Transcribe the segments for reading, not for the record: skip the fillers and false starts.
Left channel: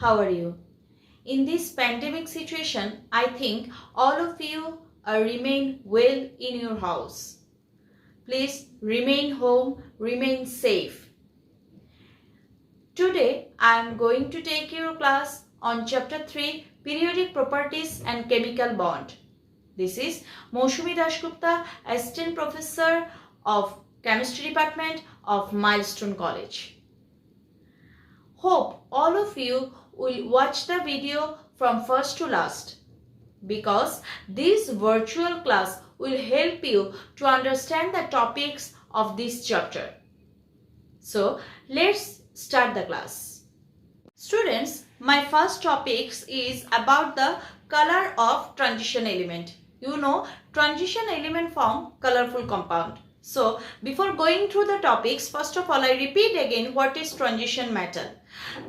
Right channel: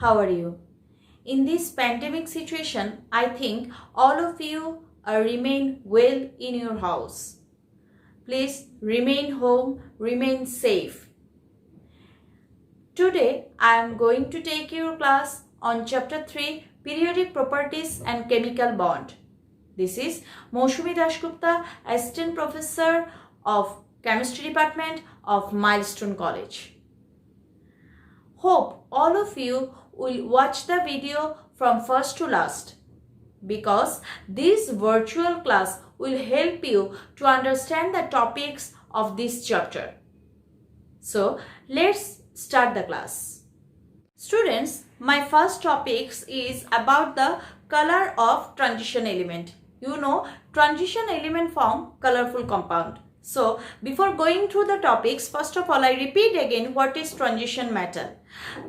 How are you? In this pandemic situation, I think all of you remain well in your house. Please remain home, remain safe. Today, I am going to take your class on Chapter 3, Periodic Properties and Chemical Bond. This is Mousumi Dasgupta, Assistant Professor of Chemistry Department of Milestone College. Hope all of you will watch the video from first to last because this virtual class will help you to understand the topics of this chapter. So let's start the class. Students, my first topic is about the color of transition element. You know, transition element form colorful compound. So before going through the topics, first of all I repeat again what is transition metal.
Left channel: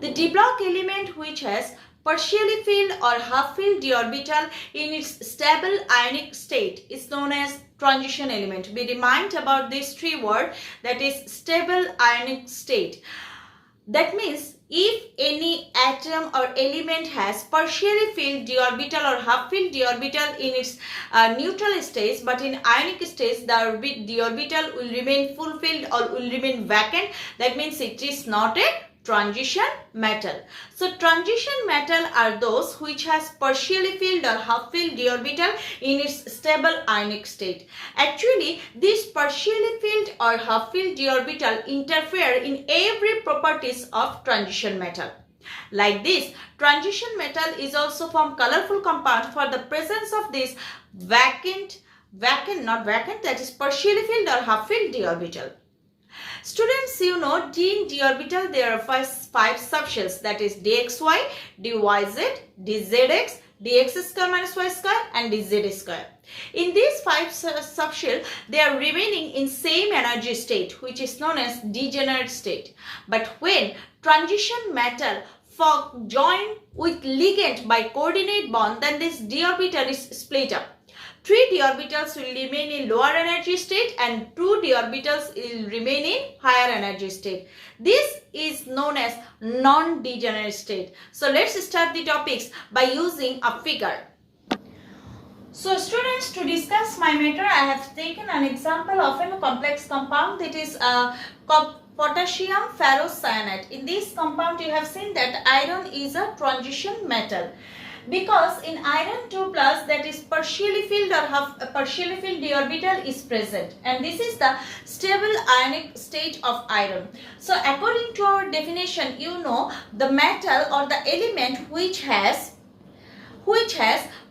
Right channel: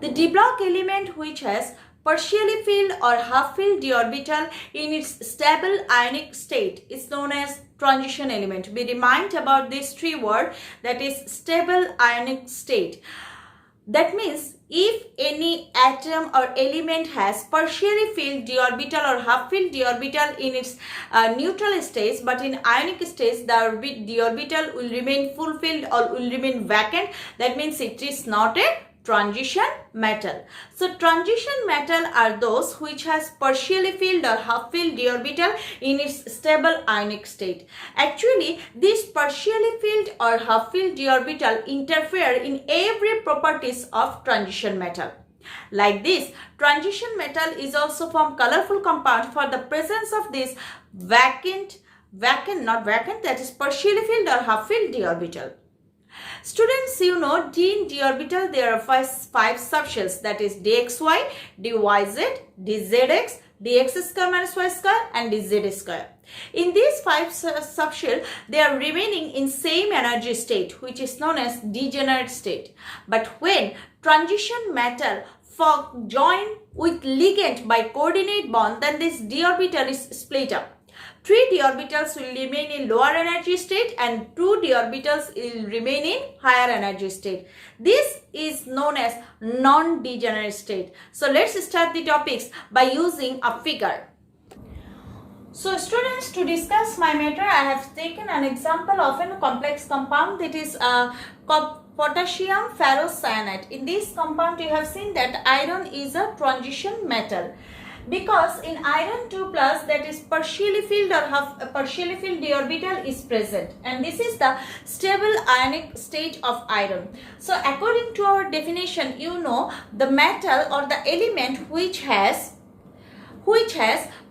The d block element which has partially filled or half filled d orbital in its stable ionic state is known as transition element. We remind about these three words, that is stable ionic state. That means if any atom or element has partially filled d orbital or half filled d orbital in its neutral state, but in ionic state the d orbital will remain fulfilled or will remain vacant, that means it is not a transition metal. So transition metal are those which has partially filled or half filled d orbital in its stable ionic state. Actually, this partially filled or half filled d orbital interfere in every properties of transition metal. Like this, transition metal is also from colorful compound for the presence of this that is partially filled or half filled d orbital. Students, you know, in d orbital there are five subshells, that is dxy, dyz, dzx, dx square minus y square and dz square. In these five subshells, they are remaining in same energy state which is known as degenerate state. But when transition metal join with ligand by coordinate bond, then this d orbital is split up. 3 d orbitals will remain in lower energy state and 2 d orbitals will remain in higher energy state. This is known as non-degenerate state. So let's start the topics by using a figure. So students, to discuss my matter, I have taken an example of a complex compound, that is potassium ferrocyanide. In this compound you have seen that iron is a transition metal, because in iron 2 plus, that is partially filled or partially filled d orbital is present, and this is the stable ionic state of iron. So according to our definition, you know, the metal or the element which has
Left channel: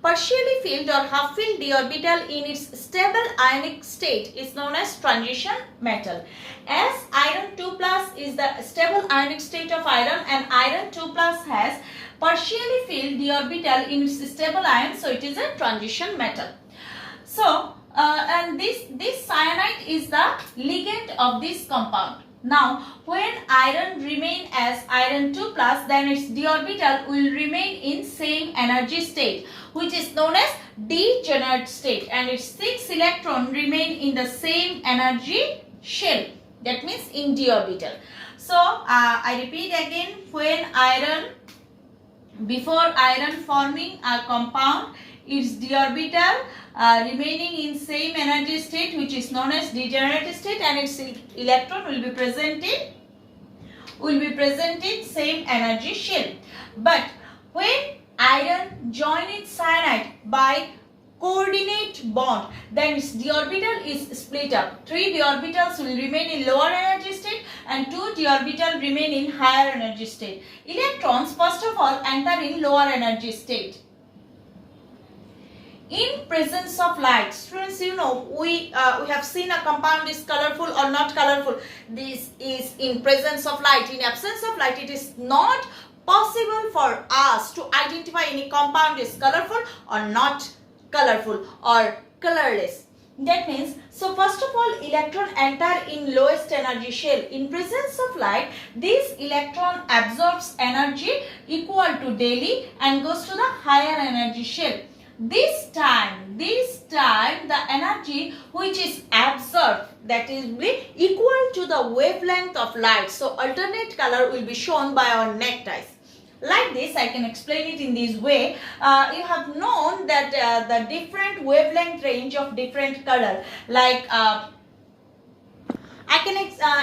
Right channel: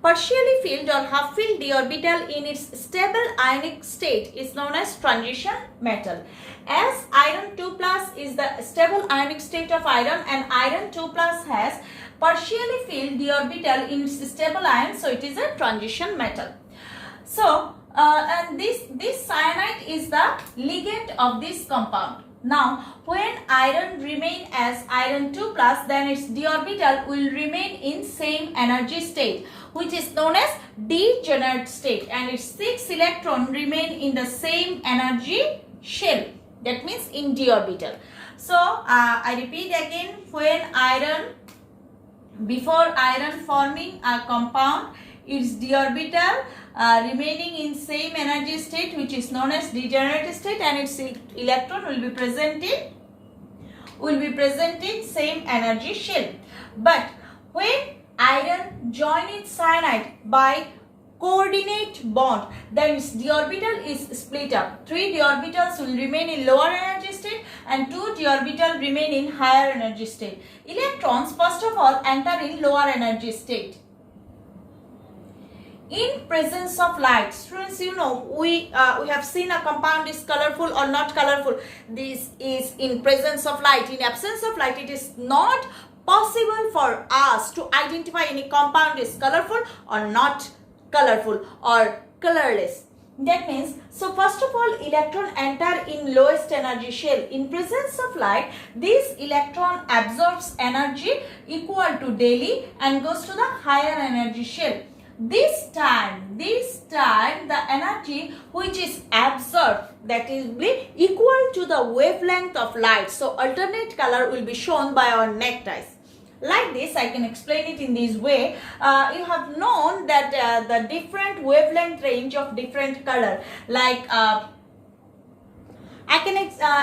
partially filled or half filled d orbital in its stable ionic state is known as transition metal. As iron 2 plus is the stable ionic state of iron and iron 2 plus has partially filled d orbital in its stable ion, so it is a transition metal. So and this cyanide is the ligand of this compound. Now when iron remain as iron 2 plus, then its d orbital will remain in same energy state which is known as degenerate state, and its 6 electron remain in the same energy shell, that means in d orbital. So I repeat again, when before iron forming a compound, its d orbital remaining in same energy state which is known as degenerate state, and its electron will be present in same energy shell. But when iron join its cyanide by coordinate bond, then its d orbital is split up. 3 d orbitals will remain in lower energy state and 2 d orbital remain in higher energy state. Electrons first of all enter in lower energy state. In presence of light, students, you know, we have seen a compound is colorful or not colorful. This is in presence of light. In absence of light, it is not possible for us to identify any compound is colorful or not colorful or colorless. That means, so first of all, electron enter in lowest energy shell. In presence of light, this electron absorbs energy equal to daily and goes to the higher energy shell. This time the energy which is absorbed, that is equal to the wavelength of light. So alternate color will be shown by our neckties. Like this, I can explain it in this way. You have known that the different wavelength range of different color, like I can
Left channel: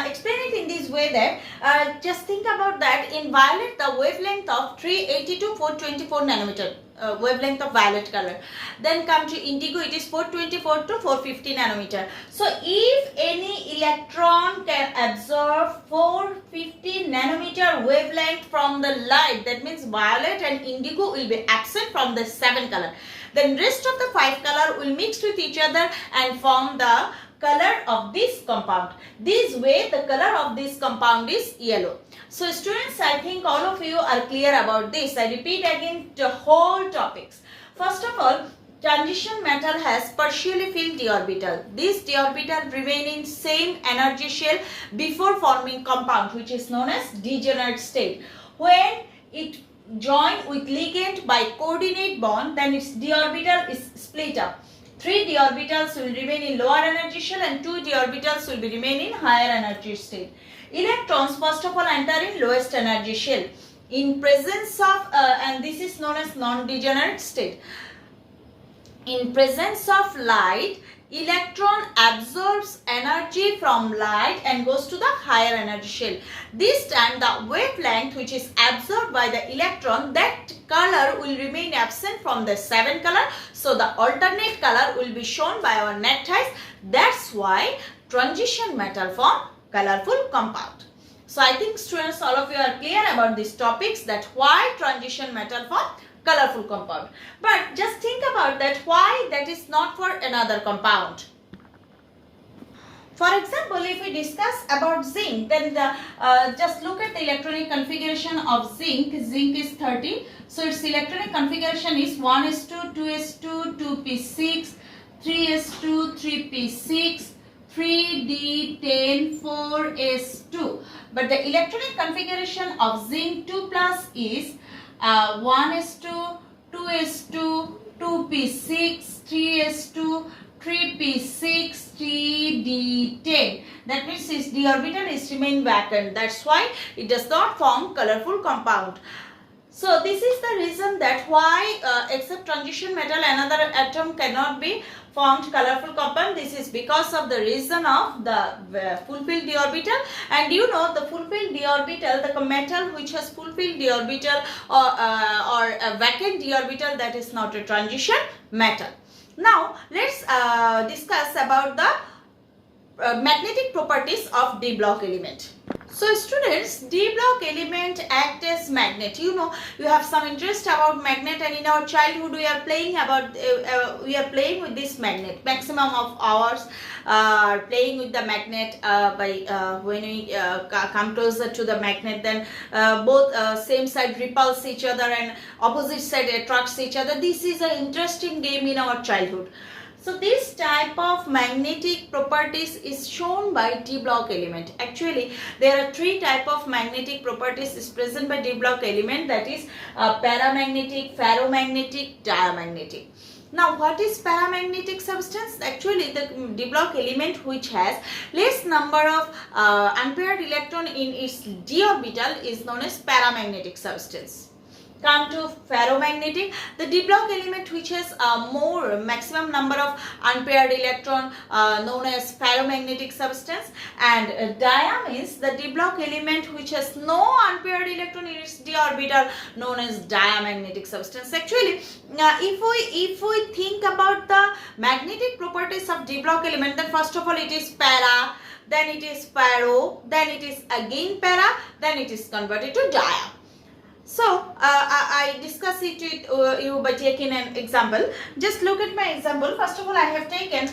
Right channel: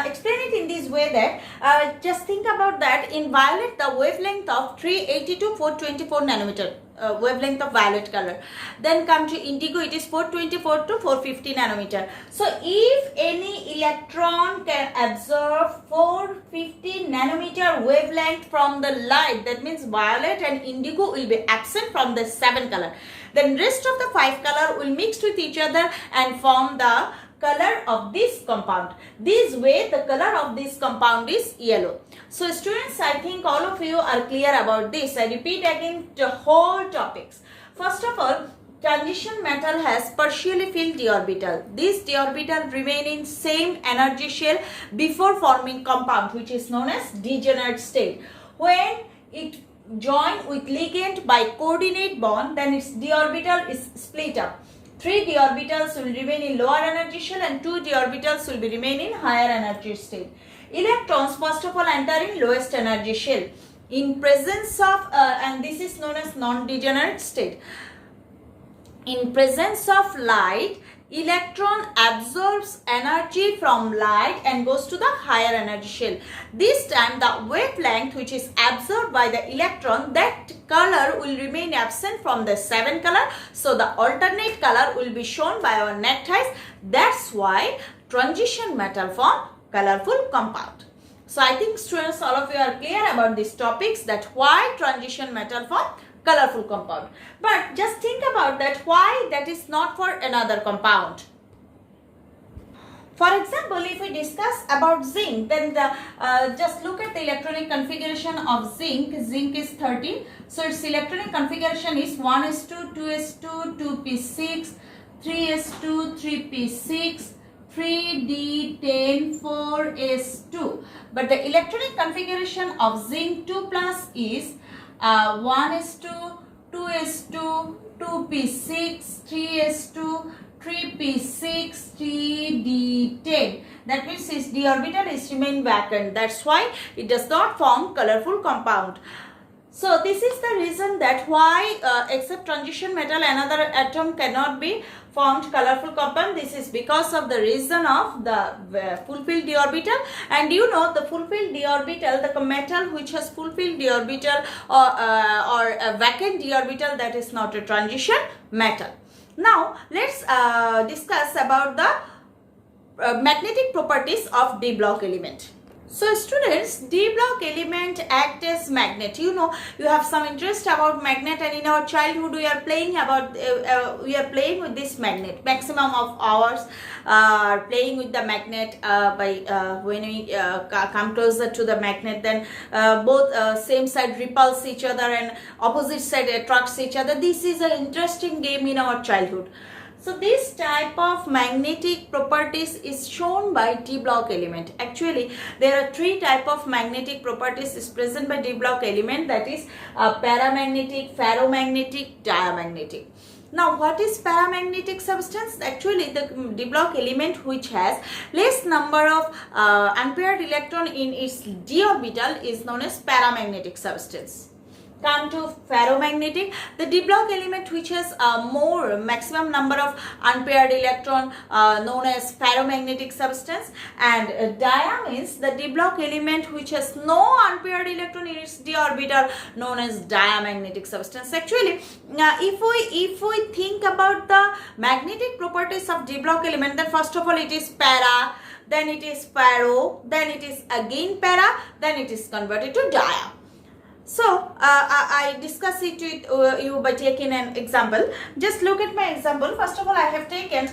explain it in this way that just think about that. In violet, the wavelength of 380 to 424 nanometer wavelength of violet color. Then come to indigo, it is 424 to 450 nanometer. So if any electron can absorb 450 nanometer wavelength from the light, that means violet and indigo will be absent from the 7 color. Then rest of the 5 color will mix with each other and form the color of this compound. This way the color of this compound is yellow. So students, I think all of you are clear about this. I repeat again the whole topics. First of all, transition metal has partially filled d orbital. This d orbital remain in same energy shell before forming compound, which is known as degenerate state. When it join with ligand by coordinate bond, then its d orbital is split up. 3 d orbitals will remain in lower energy shell and 2 d orbitals will be remain in higher energy state. Electrons first of all enter in lowest energy shell. In presence of and this is known as non-degenerate state. In presence of light, electron absorbs energy from light and goes to the higher energy shell. This time the wavelength which is absorbed by the electron, that color will remain absent from the 7 color. So the alternate color will be shown by our neckties. That's why transition metal form colorful compound. So I think students, all of you are clear about these topics, that why transition metal form colorful compound. But just think about that, why that is not for another compound. For example, if we discuss about zinc, then just look at the electronic configuration of zinc. Zinc is 13. So its electronic configuration is 1s2, 2s2, 2p6, 3s2, 3p6, 3d10, 4s2. But the electronic configuration of zinc 2 plus is 1s2, 2s2, 2p6, 3s2, 3p6, 3d10. That means its d orbital is remain vacant. That's why it does not form colorful compound. So this is the reason that why except transition metal another atom cannot be formed colorful compound. This is because of the reason of the fulfilled d orbital. And you know, the fulfilled d orbital, the metal which has fulfilled d orbital or a vacant d orbital, that is not a transition metal. Now let's discuss about the magnetic properties of d block element. So students, d block element act as magnet. You know, you have some interest about magnet, and in our childhood we are playing about with this magnet. Maximum of hours playing with the magnet when we come closer to the magnet, then both same side repulse each other and opposite side attracts each other. This is an interesting game in our childhood. So this type of magnetic properties is shown by d block element. Actually, there are 3 type of magnetic properties is present by d block element, that is paramagnetic, ferromagnetic, diamagnetic. Now, what is paramagnetic substance? Actually, the d block element which has less number of unpaired electron in its d orbital is known as paramagnetic substance. Come to ferromagnetic, the d block element which has more maximum number of unpaired electron known as ferromagnetic substance. And dia means the d block element which has no unpaired electron in its d orbital, known as diamagnetic substance. Actually, if we think about the magnetic properties of d block element, then first of all it is para, then it is ferro, then it is again para, then it is converted to dia. So I discuss it with you by taking an example. Just look at my example. First of all, I have taken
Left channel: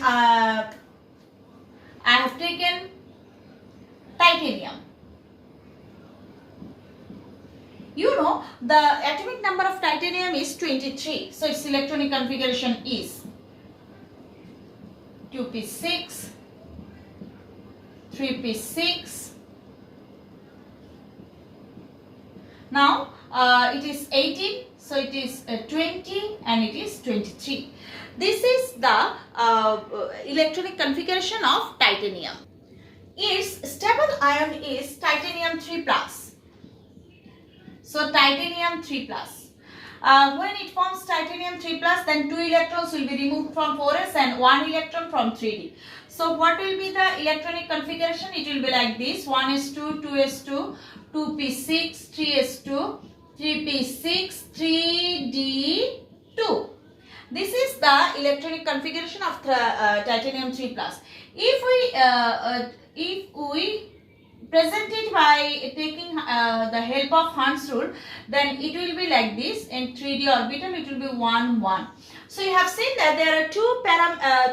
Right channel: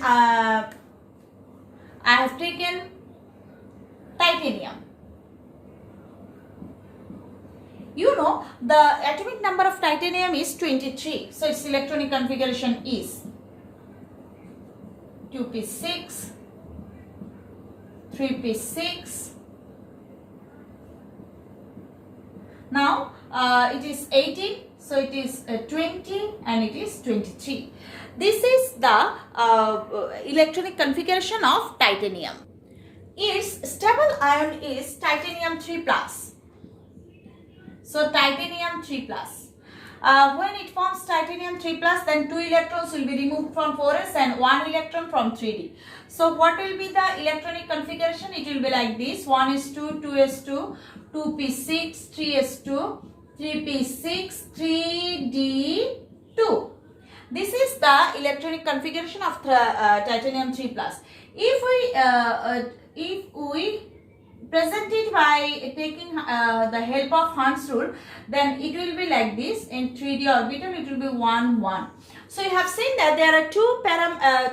titanium. You know, the atomic number of titanium is 23. So its electronic configuration is 2p6, 3p6. Now it is 18, so it is 20 and it is 23. This is the electronic configuration of titanium. Its stable ion is titanium 3+. So titanium 3 plus. When it forms titanium 3 plus, then 2 electrons will be removed from 4s and 1 electron from 3d. So what will be the electronic configuration? It will be like this: 1s2, 2s2, 2p6, 3s2, 3p6, 3d2. This is the electronic configuration of titanium 3 plus. If we present it by taking the help of Hund's rule, then it will be like this. In 3d orbital, it will be 1, 1. So you have seen that there are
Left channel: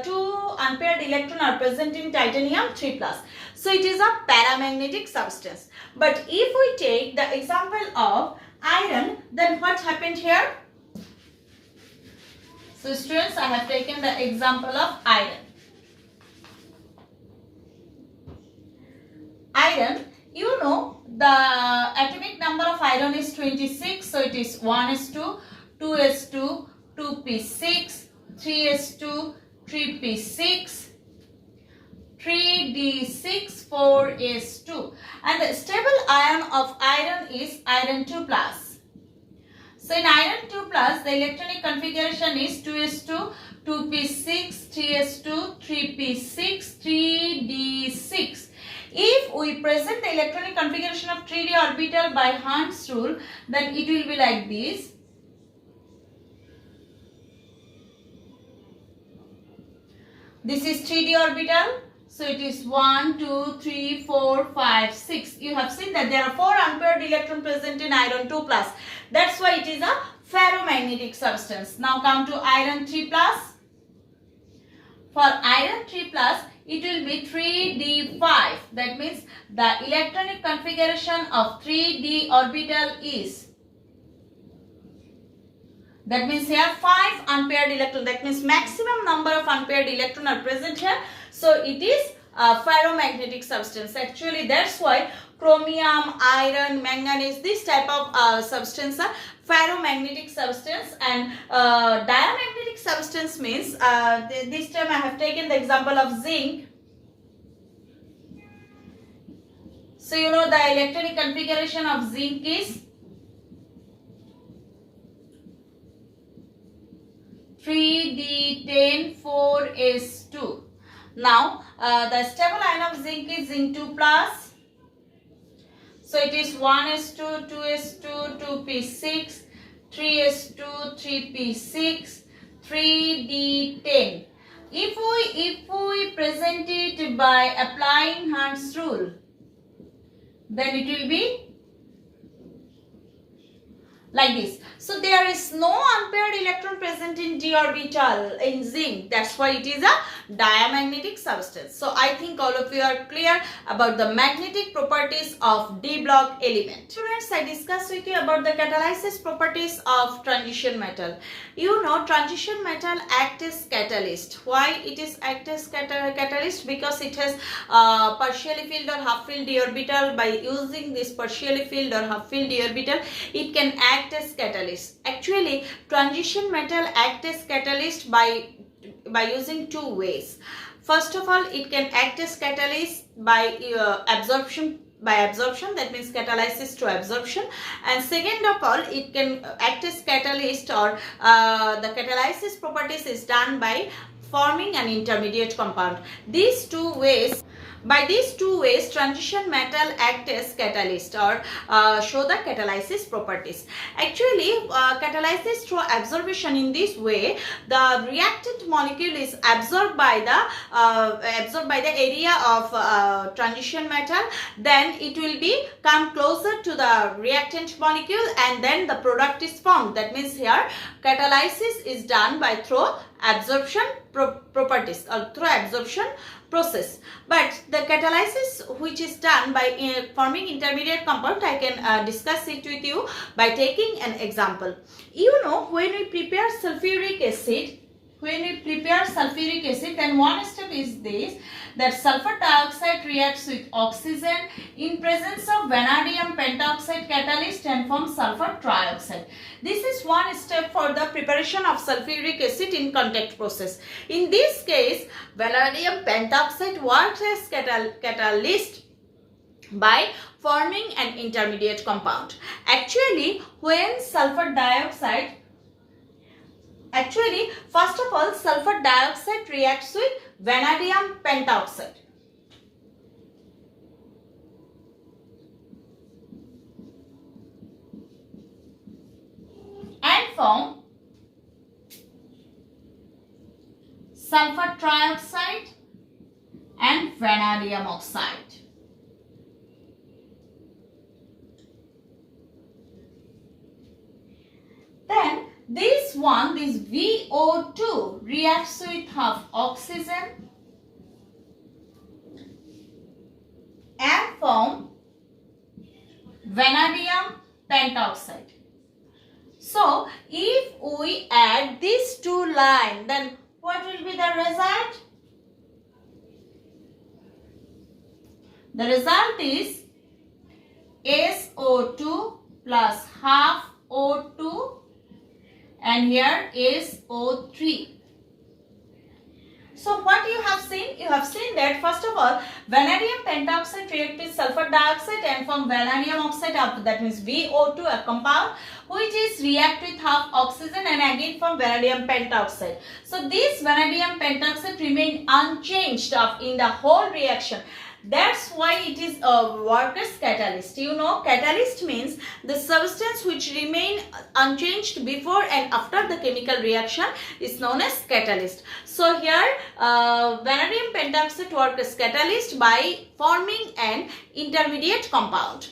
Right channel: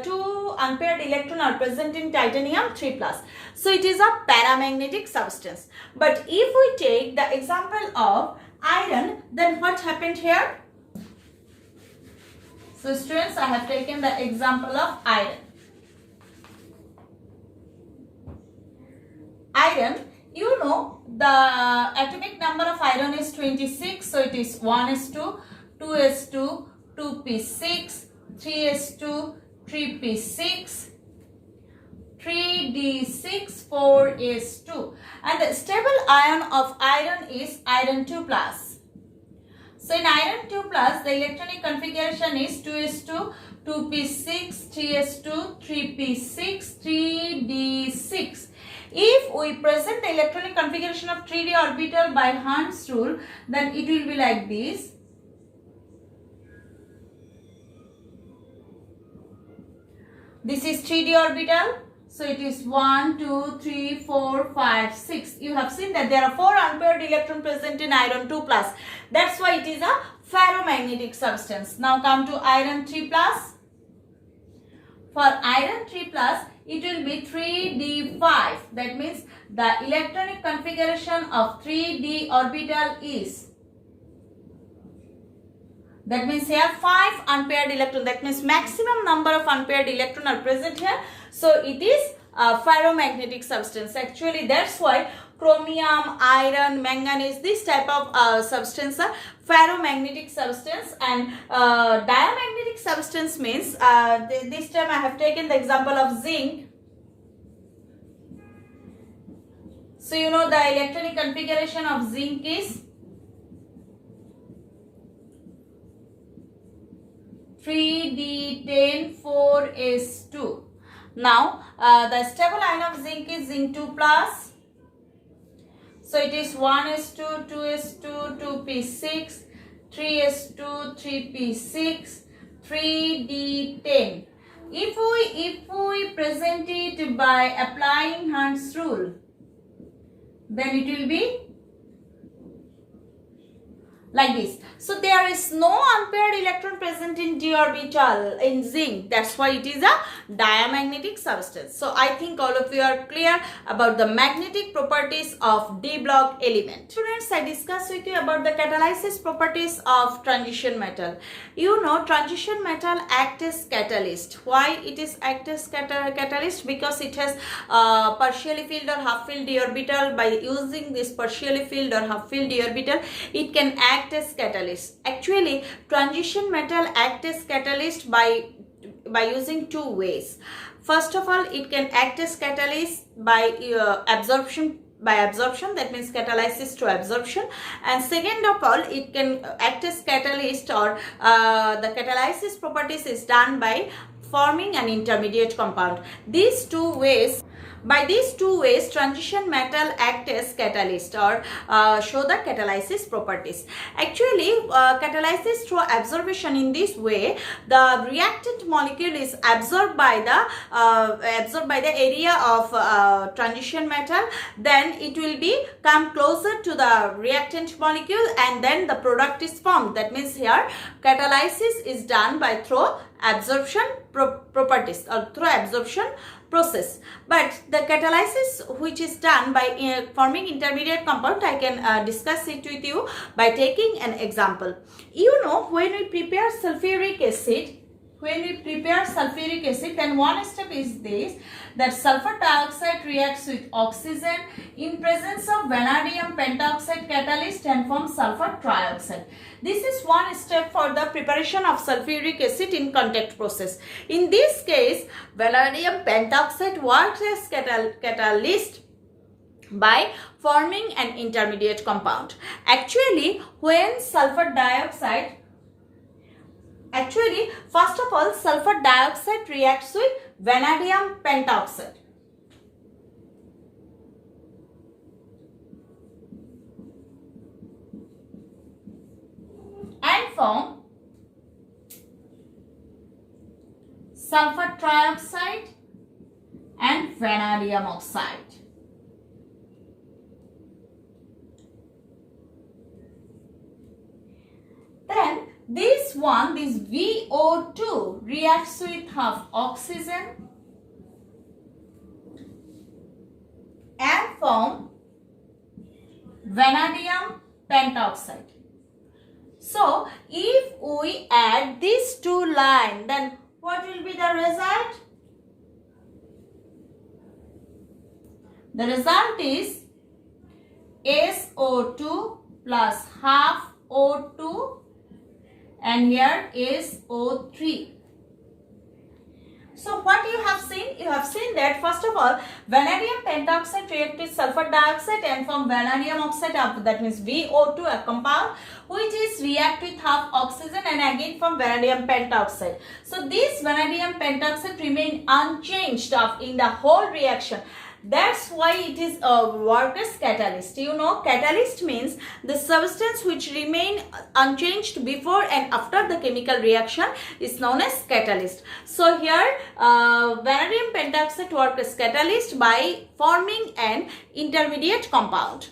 two unpaired electrons are present in titanium 3 plus. So it is a paramagnetic substance. But if we take the example of iron, then what happened here? So students, I have taken the example of iron. Iron, you know the atomic number of iron is 26. So it is 1s2, 2s2, 2p6, 3s2, 3p6, 3d6, 4s2. And the stable ion of iron is iron 2 plus. So in iron 2 plus, the electronic configuration is 2s2, 2p6, 3s2, 3p6, 3d6. If we present the electronic configuration of 3d orbital by Hund's rule, then it will be like this. This is 3d orbital. So it is 1, 2, 3, 4, 5, 6. You have seen that there are 4 unpaired electrons present in iron 2 plus. That's why it is a ferromagnetic substance. Now come to iron 3 plus. For iron 3 plus, it will be 3d5. That means the electronic configuration of 3d orbital is, that means here 5 unpaired electrons. That means maximum number of unpaired electrons are present here. So it is a ferromagnetic substance. Actually, that's why chromium, iron, manganese, this type of substance are ferromagnetic substance. And diamagnetic substance means, this time I have taken the example of zinc. So you know the electronic configuration of zinc is 3d10, 4s2. Now the stable ion of zinc is zinc 2 plus. So it is 1s2, 2s2, 2p6, 3s2, 3p6, 3d10. If we present it by applying Hund's rule, then it will be like this. So there is no unpaired electron present in d orbital in zinc. That's why it is a diamagnetic substance. So I think all of you are clear about the magnetic properties of d block element. Students, I discussed with you about the catalysis properties of transition metal. You know, transition metal acts as catalyst. Why it is act as catalyst? Because it has partially filled or half filled d orbital. By using this partially filled or half filled d orbital, it can act as catalyst. Actually, transition metal act as catalyst by using 2 ways. First of all, it can act as catalyst by absorption, that means catalysis to absorption. And second of all, it can act as catalyst, or the catalysis properties is done by forming an intermediate compound. These 2 ways. By these 2 ways, transition metal act as catalyst, or show the catalysis properties. Actually, catalysis through absorption, in this way, the reactant molecule is absorbed by the area of transition metal. Then it will be come closer to the reactant molecule, and then the product is formed. That means here catalysis is done by through absorption properties, or through absorption process. But the catalysis which is done by forming intermediate compound, I can discuss it with you by taking an example. You know, when we prepare sulfuric acid, then one step is this, that sulfur dioxide reacts with oxygen in presence of vanadium pentoxide catalyst and forms sulfur trioxide. This is one step for the preparation of sulfuric acid in contact process. In this case, vanadium pentoxide works as catalyst by forming an intermediate compound. Actually, first of all, sulfur dioxide reacts with vanadium pentoxide. And form sulfur trioxide and vanadium oxide. Then this VO2 reacts with half oxygen and form vanadium pentoxide. So if we add these two lines, then what will be the result? The result is SO2 plus half O2 and here is O3. So what you have seen? You have seen that first of all, vanadium pentoxide reacts with sulfur dioxide and form vanadium oxide, that means VO2, a compound which is react with half oxygen and again form vanadium pentoxide. So this vanadium pentoxide remain unchanged in the whole reaction. That's why it is worked as catalyst. You know, catalyst means the substance which remain unchanged before and after the chemical reaction is known as catalyst. So here vanadium pentoxide worked as catalyst by forming an intermediate compound.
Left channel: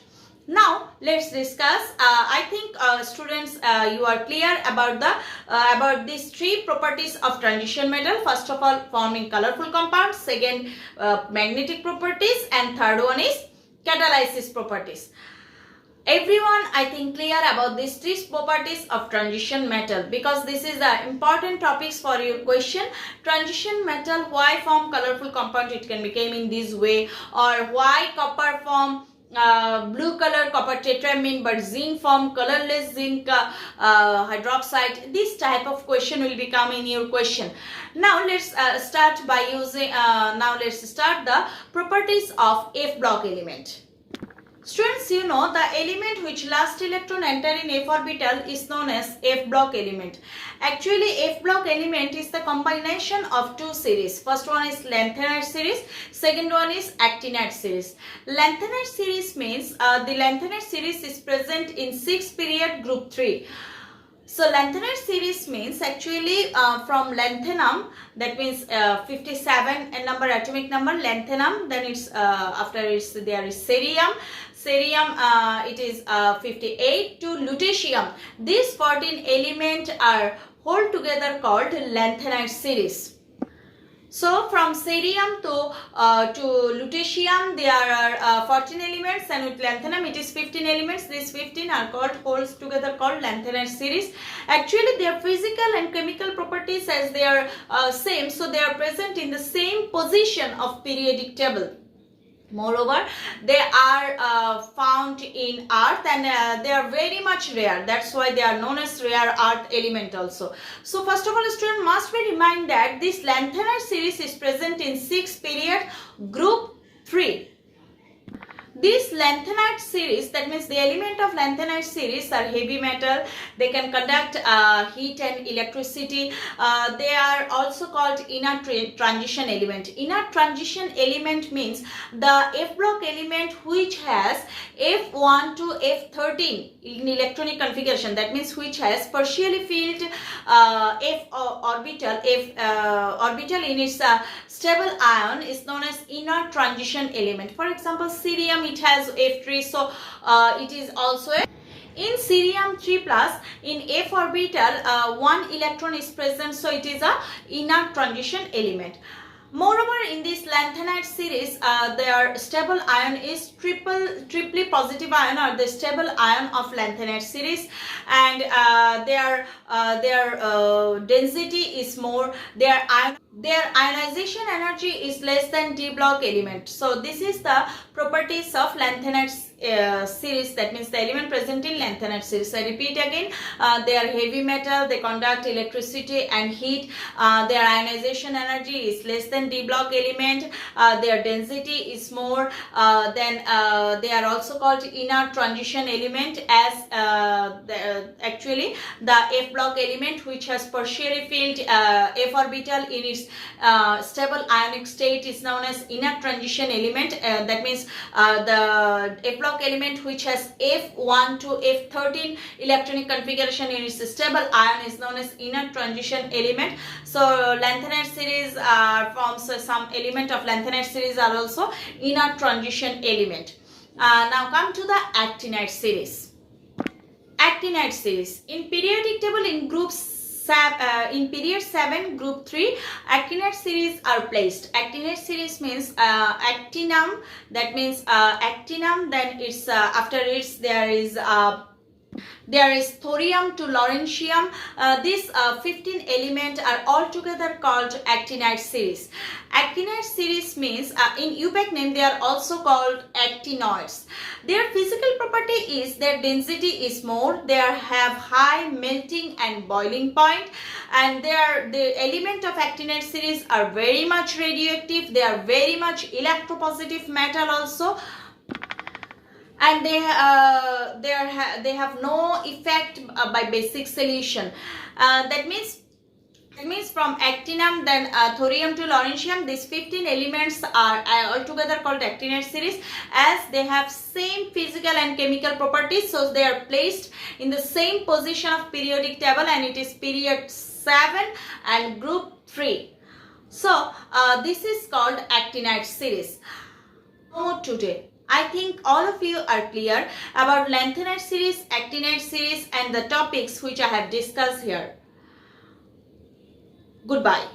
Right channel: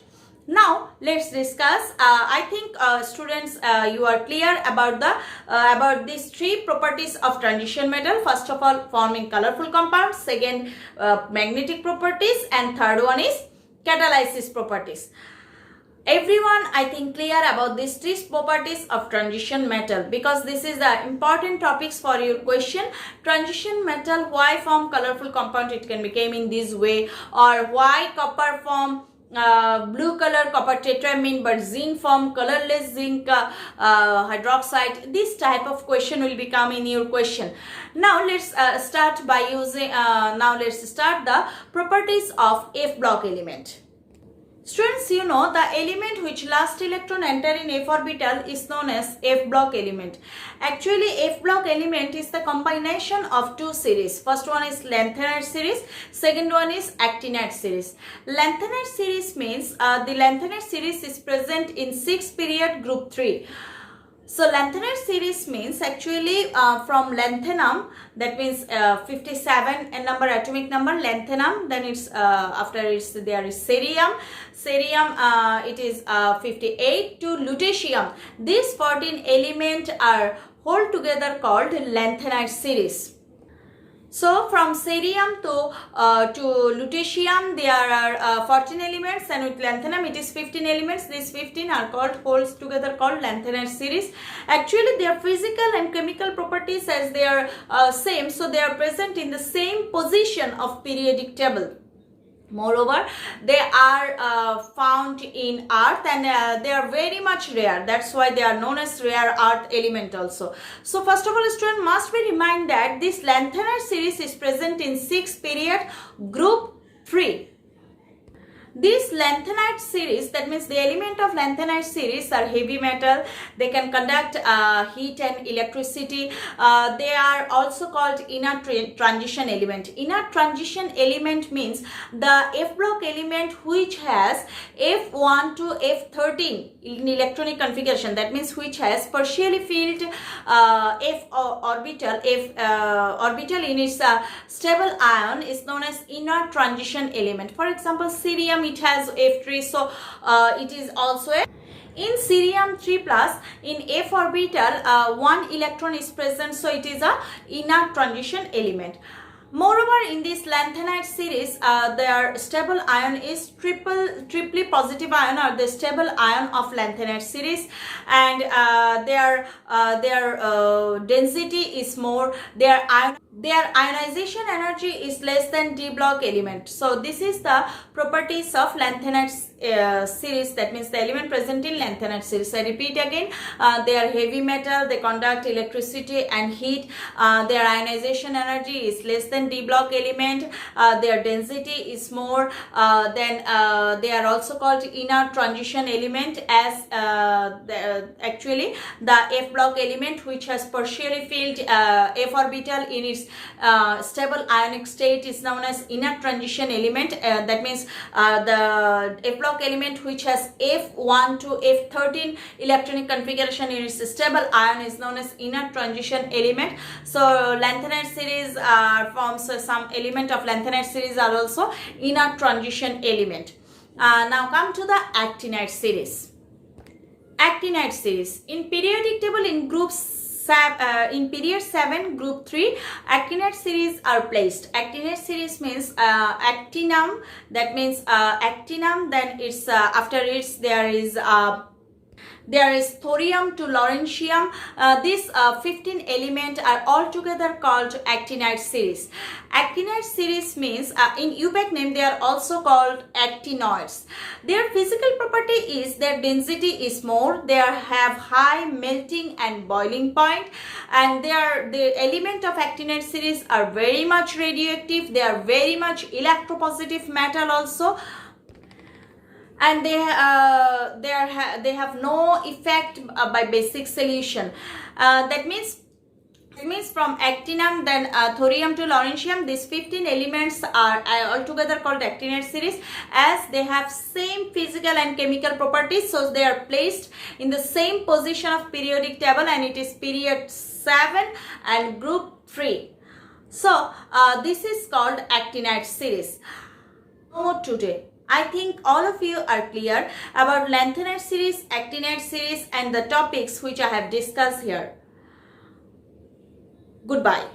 Now let's discuss. I think students, you are clear about these three properties of transition metal. First of all, forming colorful compounds. Second, magnetic properties, and third one is catalysis properties. Everyone, I think, clear about these three properties of transition metal, because this is the important topics for your question. Transition metal, why form colorful compound? It can become in this way, or why copper form blue color copper tetramine but zinc form colorless zinc hydroxide. This type of question will become in your question. Now let's start by using let's start the properties of F block element. Students, you know the element which last electron enter in f orbital is known as F block element. Actually, F block element is the combination of two series. First one is lanthanide series, second one is actinide series. Lanthanide series means the lanthanide series is present in 6 period group 3. So lanthanide series means actually from lanthanum, that means 57 number atomic number lanthanum, then it's after it's there is cerium. Cerium it is 58 to lutetium. These 14 elements are whole together called lanthanide series. So from cerium to lutetium there are 14 elements, and with lanthanum it is 15 elements. These 15 are called wholes together called lanthanide series. Actually their physical and chemical properties as they are same, so they are present in the same position of periodic table. Moreover, they are found in earth, and they are very much rare. That's why they are known as rare earth element also. So first of all, student must be remind that this lanthanide series is present in 6 period group 3. This lanthanide series, that means the element of lanthanide series are heavy metal. They can conduct heat and electricity. They are also called inner transition element. Inner transition element means the F block element which has F1 to F13 in electronic configuration. That means which has partially filled F orbital in its stable ion is known as inner transition element. For example, cerium, it has F3, so it is also in cerium 3 plus in F orbital 1 electron is present, so it is a inner transition element. Moreover, in this lanthanide series, their stable ion is triply positive ion, or the stable ion of lanthanide series, and their density is more. Their ion their ionization energy is less than d block element. So this is the properties of lanthanide series, that means the element present in lanthanide series. I repeat again, they are heavy metal, they conduct electricity and heat, their ionization energy is less than d block element, their density is more, then they are also called inner transition element, as actually the f block element which has tertiary filled f orbital in its stable ionic state is known as inner transition element. That means the f block element which has f1 to f13 electronic configuration in its stable ion is known as inner transition element. So lanthanide series forms some element of lanthanide series are also inner transition element. Now come to the actinide series. Actinide series in periodic table in groups. In period 7 group 3 actinide series are placed. Actinide series means actinum, that means actinum, then it's after it there is thorium to lawrencium. These 15 elements are altogether called actinide series. Actinide series means in UPAC name they are also called actinoids. Their physical property is their density is more, they have high melting and boiling point, and the element of actinide series are very much radioactive, they are very much electropositive metal also, and they have no effect by basic solution. That means from actinum, then thorium to lawrencium, these 15 elements are altogether called actinide series, as they have same physical and chemical properties. So they are placed in the same position of periodic table, and it is period 7 and group 3. So this is called actinide series. More today. I think all of you are clear about lanthanide series, actinide series and the topics which I have discussed here. Goodbye.